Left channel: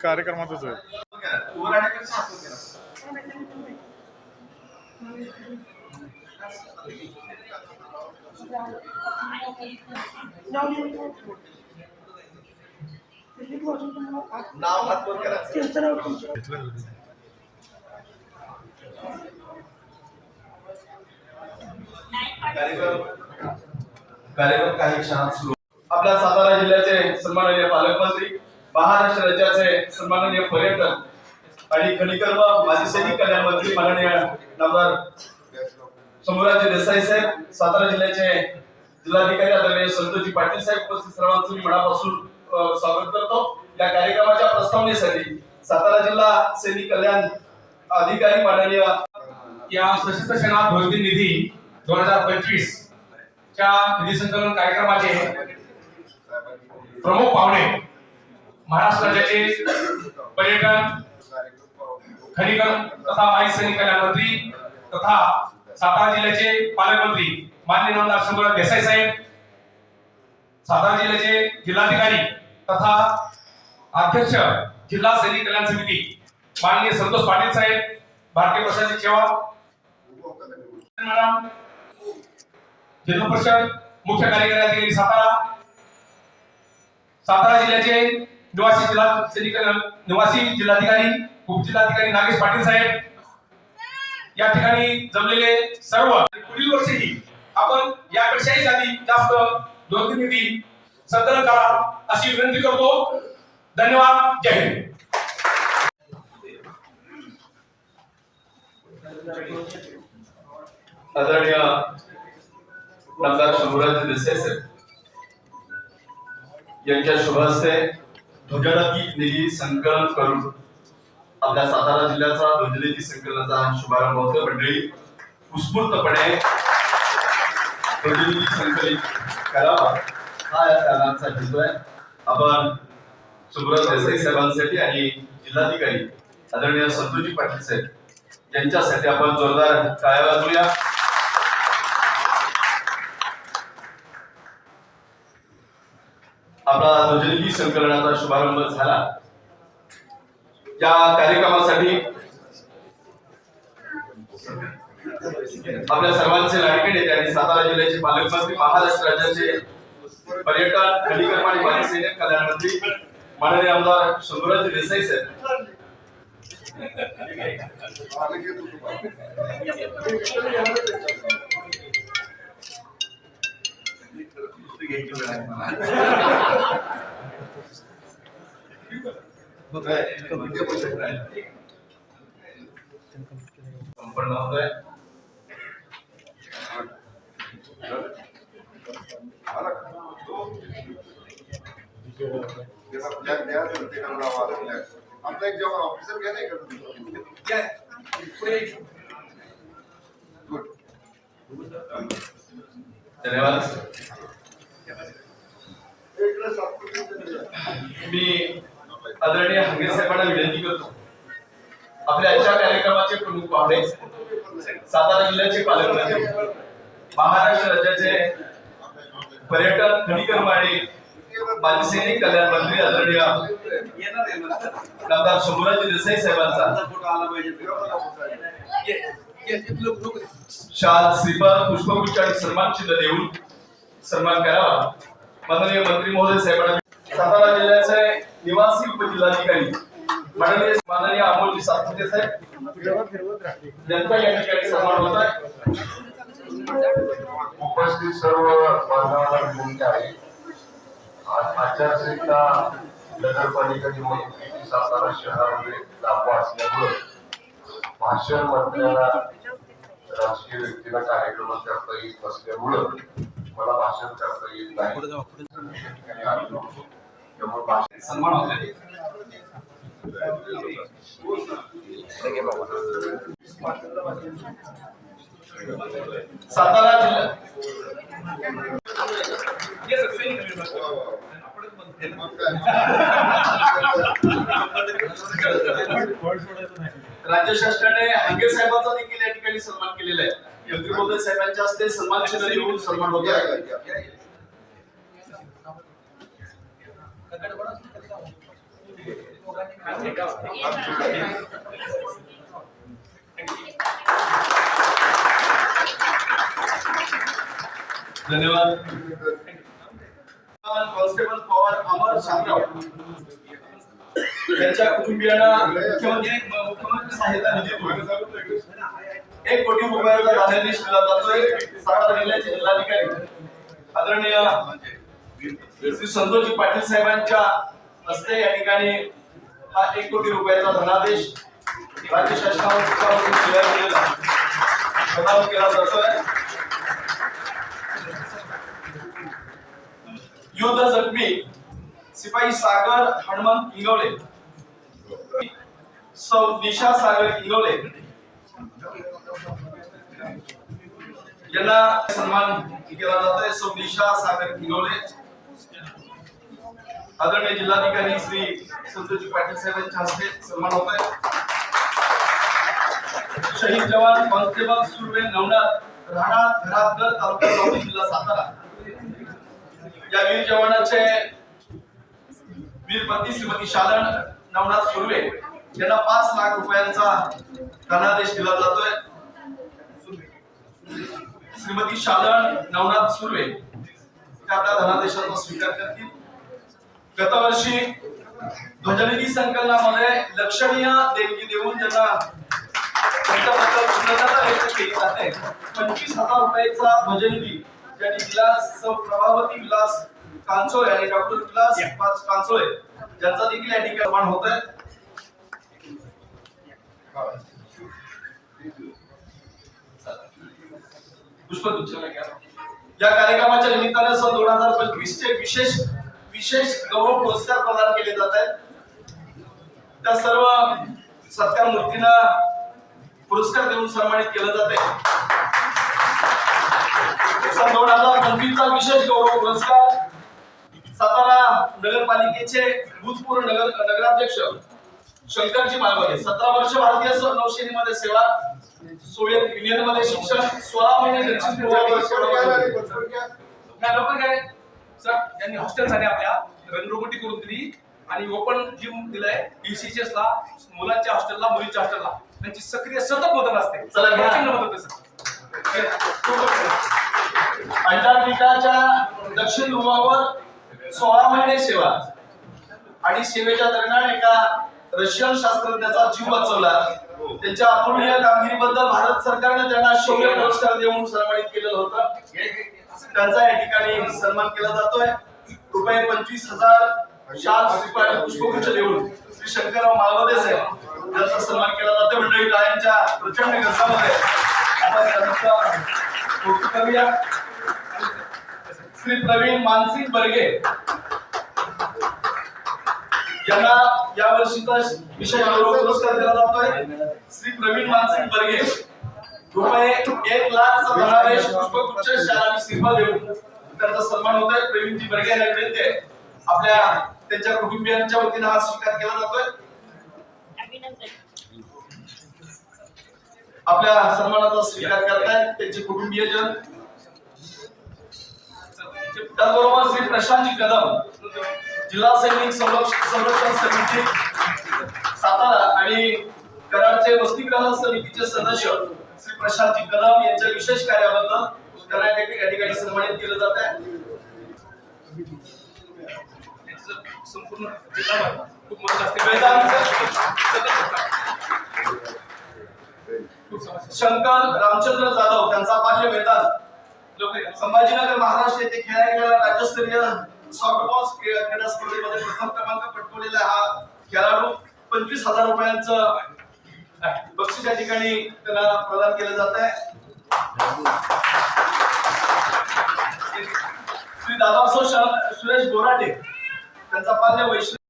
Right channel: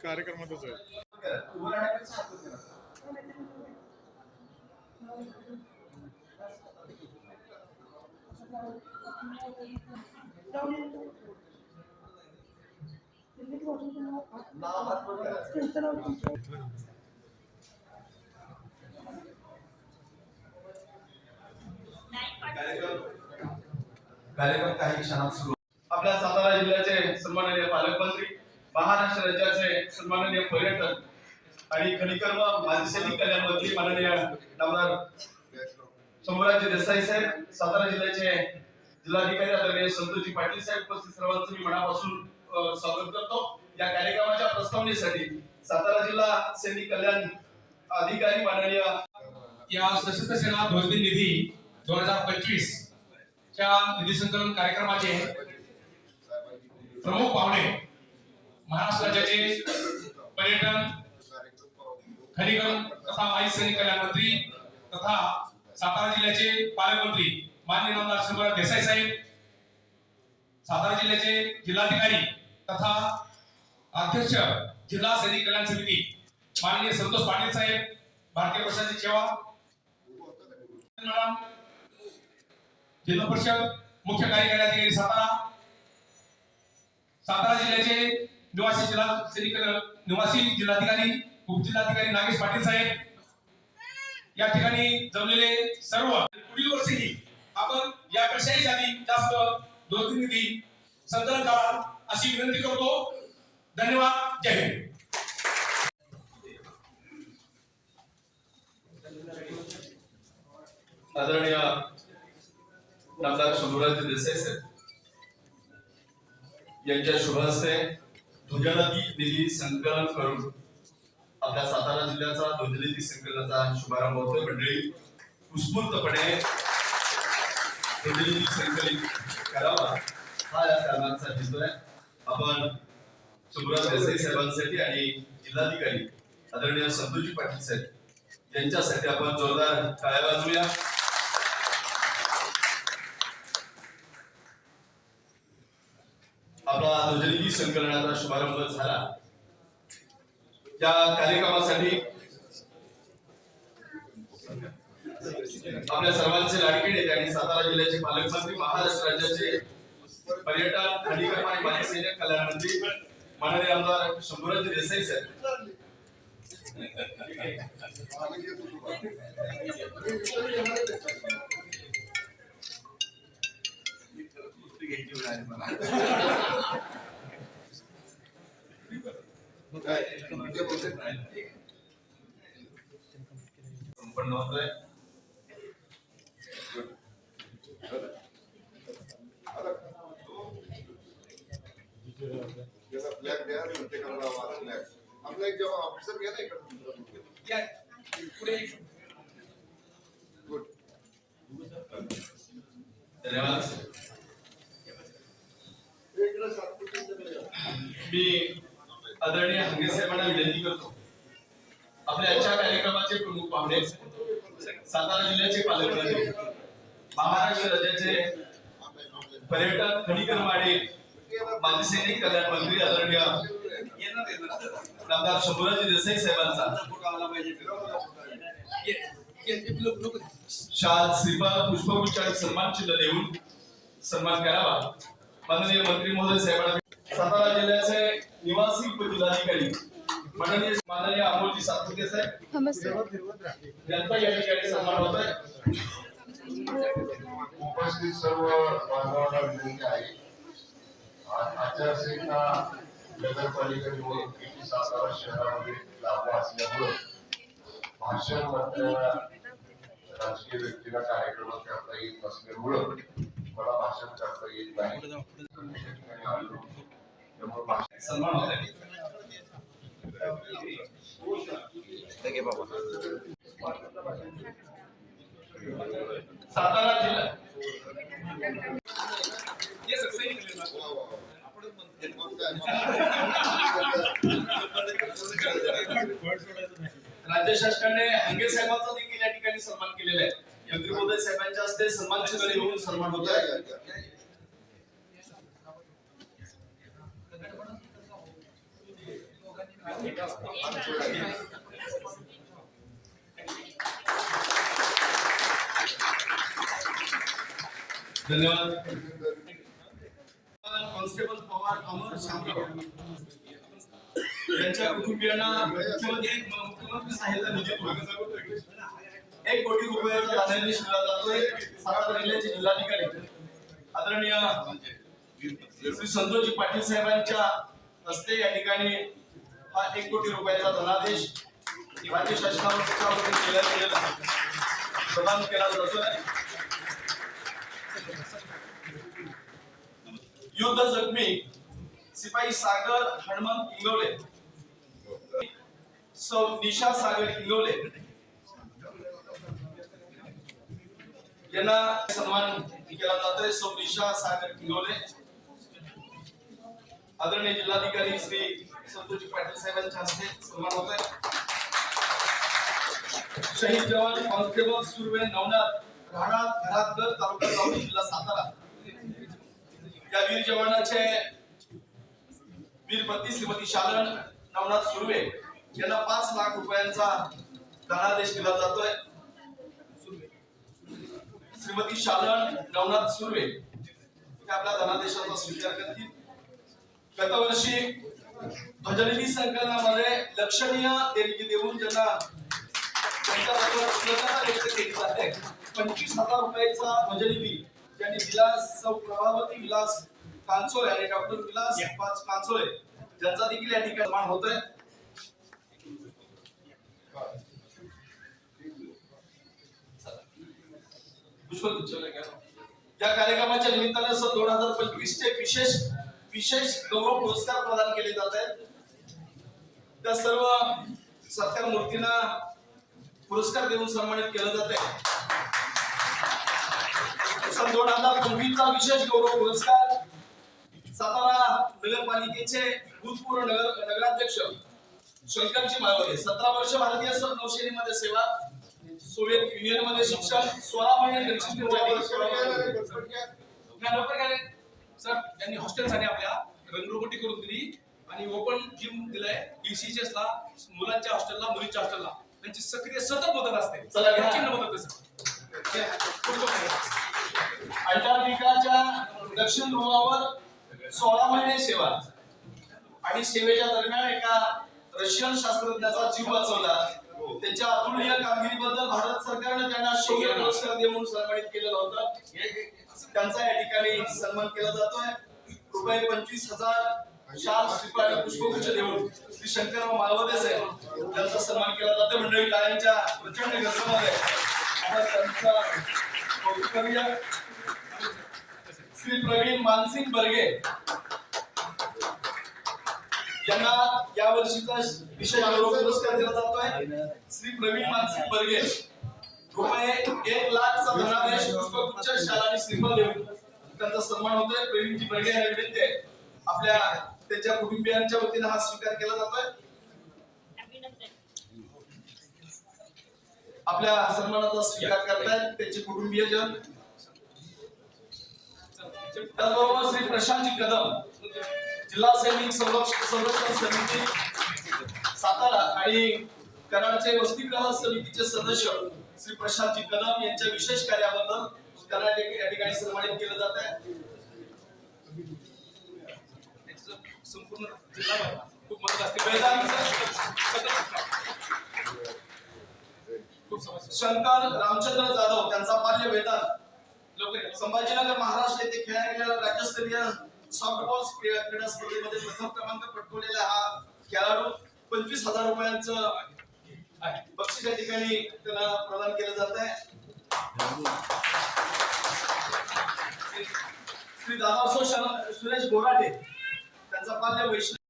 कार्यक्रमातच आहे घेतलं कार्यक्रम कार्यक्रम काही क्षणात सुरू. आपल्या सातारा जिल्ह्याचे सन्माननीय पालकमंत्री महाराष्ट्र राज्याचे सन्माननीय पर्यटन आणि खनिकर व माजी सैनिक कल्याण मंत्री माननीय नामदार शंभूराजे देसाई साहेब सातारा जिल्ह्याचे जिल्हाधिकारी आदरणीय संतोषजी पाटील साहेब उपस्थित सर्वांचं मी मनापासून स्वागत करतो. या कार्यक्रमाच्या प्रस्तावनेसाठी सातारा जिल्हा सैनिक कल्याण अधिकारी माननीय या सशस्त्र सेना ध्वजदिन निधी दोन हजार पंचवीस च्या निधी संकलन कार्यक्रमाचे प्रमुख पाहुणे महाराष्ट्र राज्याचे पर्यटन खनिकर्म तथा माहिती सैनिक कल्याण मंत्री तथा सातारा जिल्ह्याचे पालकमंत्री माननीय नामदार शंभूराज देसाई साहेब सातारा जिल्ह्याचे जिल्हाधिकारी तथा अध्यक्ष जिल्हा सैनिक कल्याण समिती माननीय संतोष पाटील साहेब भारतीय प्रशासनिक सेवा मॅडम जिल्हा परिषद मुख्य कार्यकारी अधिकारी सातारा सातारा जिल्ह्याचे निवासी जिल्हा निवासी जिल्हाधिकारी, उपजिल्हाधिकारी नागेश पाटील साहेब, या ठिकाणी जमलेले सर्व, पुढील वर्षीही आपण यापेक्षाही जाती जास्त दोन संकलन करा अशी विनंती करतो. धन्यवाद. जय हिंद. आदरणीय नामदार शंभूराज देसाई साहेब, यांच्या शुभ हस्ते ध्वजनिधी निधी संकलन करून. आपल्या सातारा जिल्ह्याचा ध्वजनिधी संकलनाचा शुभारंभ होतो मंडळी उत्स्फूर्तपणे ध्वजनिधी संकलित करावा. हा या कारणांचा हेतू आहे. आपण सुब्रत देसाई साहेबांसाठी आणि जिल्हाधिकारी आदरणीय संतोजी पाटील साहेब यांच्यासाठी आपण जोरदार टाळ्या वाजवूया. आपला ध्वजनिधी संकलनाचा शुभारंभ झाला. या कार्यक्रमासाठी आपल्या सर्वांचे लाडके नेते आणि सातारा जिल्ह्याचे पालकमंत्री महाराष्ट्र राज्याचे पर्यटन खनिकर्म आणि माजी सैनिक कल्याण मंत्री माननीय आमदार शंभूराज देसाई साहेब संपन्न होतोय आपला एक जेव्हा ऑफिसर घ्या नाही का धन्यवाद. मी आदरणीय हंगे साहेबांना विनंती करतो. आपल्या आजच्या कार्यक्रमाचे प्रमुख पाहुणे सातारा जिल्ह्याचे पालकमंत्री महाराष्ट्र राज्याचे पर्यटन खनिकर्म आणि माजी सैनिक कल्याण मंत्री आदरणीय नामदार शंभूराज देसाई साहेबांचा. शाल श्रीपाद पुष्पगुच्छ आणि सन्मान चिन्ह देऊन सन्मान करावा. माननीय मंत्री महोदय साहेबांना सातारा जिल्ह्याचे निवासी उपजिल्हाधिकारी माननीय माननीय अमोलजी सातपुते साहेब. यांचा या ठिकाणी सन्मान होत आहे. उपस्थित सर्व बांधवांना विनंती आहे. आज आचारसंहिता नगरपालिका निवडणुकीची सातारा शहरामध्ये लागू असल्यामुळे भाषण मंत्र्याला राजकीय व्यक्तीला कार्यक्रम करता येत नसल्यामुळं मला भाषण करता येत नाही. सन्मान होत आहे सातारा जिल्हा. राज्य शासनाने हंगे साहेबांचा देखील या ठिकाणी सन्मान केलेला आहे. मंत्री साहेबांच्या हस्ते सन्मान चिन्ह देऊन सन्मान होत धन्यवाद. कॉन्स्टेबल पवार अमर शामराव. यांच्या कुटुंबियांना मुख्यमंत्री मुख्यमंत्री सहायता निधीतून एक कोटी रुपयाचा धनादेश दिला जातोय. सातारा जिल्ह्याचे जिल्हाधिकारी. आदरणीय श्री संतोषजी पाटील साहेबांच्या हस्ते या ठिकाणी हा एक कोटी रुपयाचा धनादेश राज्य शासनाच्या प्रदान केला जातोय. युद्ध जखमी सिपाही सागर हनुमंत इंगवले. निशा सागर इंगवले. यांना सन्मान केला जातोय सौ निशा सागर किलोले. आदरणीय जिल्हाधिकारी श्री संतोषजी पाटील साहेबांच्या हस्ते सन्मान होत आहे शहीद जवान कॉन्स्टेबल सुरवे नवनाथ राहणार घरातगर तालुका जिल्हा सातारा. या वीर जवानाचे वीरपती श्रीमती शालन नवनाथ सुर्वे यांना पाच लाख रुपयांचा धनादेश दिला जातोय. श्रीमती शालन नवनाथ सुर्वे आपल्या धनादेशाचा स्वीकार करतील. गतवर्षी ध्वजनिधी संकलनामध्ये लक्षणीय देणगी देऊन ज्यांना त्यांच्याबद्दल कृतज्ञता व्यक्त केली जाते पंचवीस हजार रुपयाचा ध्वजनिधी ज्यांनी विलास प्रभावती विलास कांचोळे आणि डॉक्टर विलास पाच कांचोळे ज्यांचा देखील या ठिकाणी सन्मान होत आहे या कार्यक्रमाच्या निमित्ताने सन दोन हजार पंचवीस चे विशेष विशेष गौरव पुरस्कार प्रदान केले जात आहेत. त्या सर्व सत्कार मूर्तींना पुरस्कार देऊन सन्मानित केलं जाते सन दोन हजार पंचवीसचा विशेष गौरव पुरस्कार सातारा नगरपालिकेचे भूतपूर्व नगर नगराध्यक्ष शंकरजी माळवगे सतरा वर्ष भारतीय नौसेनेमध्ये सेवा सोवियत युनियनमध्ये शिक्षण सोळा महिने. सर यांनी हॉस्टेलसाठी आपल्या. रंगरोगटी करून दिली आणि ओपन जिम दिलंय डीसीएस ला मुलांच्या हॉस्टेलला मुलींच्या हॉस्टेलला त्यांची सक्रिय सतत मदत असते. मदत अंटार्क्टिकाच्या दक्षिण ध्रुवावर सोळा महिने सेवा आणि सेवेच्या दरम्यान एका रशियन शास्त्रज्ञाचा जीव वाचवला. त्यांच्या अपूर्णीय कामगिरीबद्दल भारत सरकारने त्यांना शौर्य पुरस्कार देऊन सन्मानित केलेलं होतं. त्यांचा या ठिकाणी सन्मान केला जातोय. रुपये पंचवीस हजार शाल श्रीपाद पुष्पगुच्छ देऊन श्री शंकरराव मालवदे साहेब यांचा सन्मान केला जातोय. मंडळी टाळ्यांच्या प्रचंड गरजामध्ये आपण त्यांचा करूया श्री प्रवीण मानसिंग बर्गे यांना या वर्षीचा विशेष गौरव पुरस्कार दिला जातोय. श्री प्रवीण मानसिंग बर्गे रुपये एक लाखचा धनादेश पुष्पगुच्छ शाल आणि श्रीफळ देऊन त्यांचा सन्मान होतोय. प्रवीणजी बर्गे यांच्याकडे ते आपल्या त्यांच्या कुटुंबियांच्या वतीने हा स्वीकार केला जातोय. आपल्या सन्मानाचा स्वीकार करतायत त्यांचे कुटुंबीयजन त्याचबरोबर श्री प्रशांतजी कदम जिल्हा सैनिक संरक्षण समिती सातारा आणि कराडचे वसतिगृह समितीचे सदस्य श्री प्रशांतजी कदम यांच्या विशेष कार्याबद्दल कराड या ठिकाणी- सन्मानित केलं जात आहे. संपूर्ण खूप मदत असते. शंकर रामचंद्र जाधव त्यांचा बाल्य वेदांत संभाजीनगर महाराष्ट्र येथे खेळल्या गेलेला राज्यस्तरीय सॉफ्टबॉल क्रीडा स्पर्धेमध्ये प्रथम क्रमांक पटकवलेला हा खेळाडू. पंचवीस हजार रुपयांचं आहे. बक्षीस या ठिकाणी त्यांना प्रदान केलं जात आहे श्री दादासाहेब सुरेश बोराटे त्यांचा पाल्य वैष्णव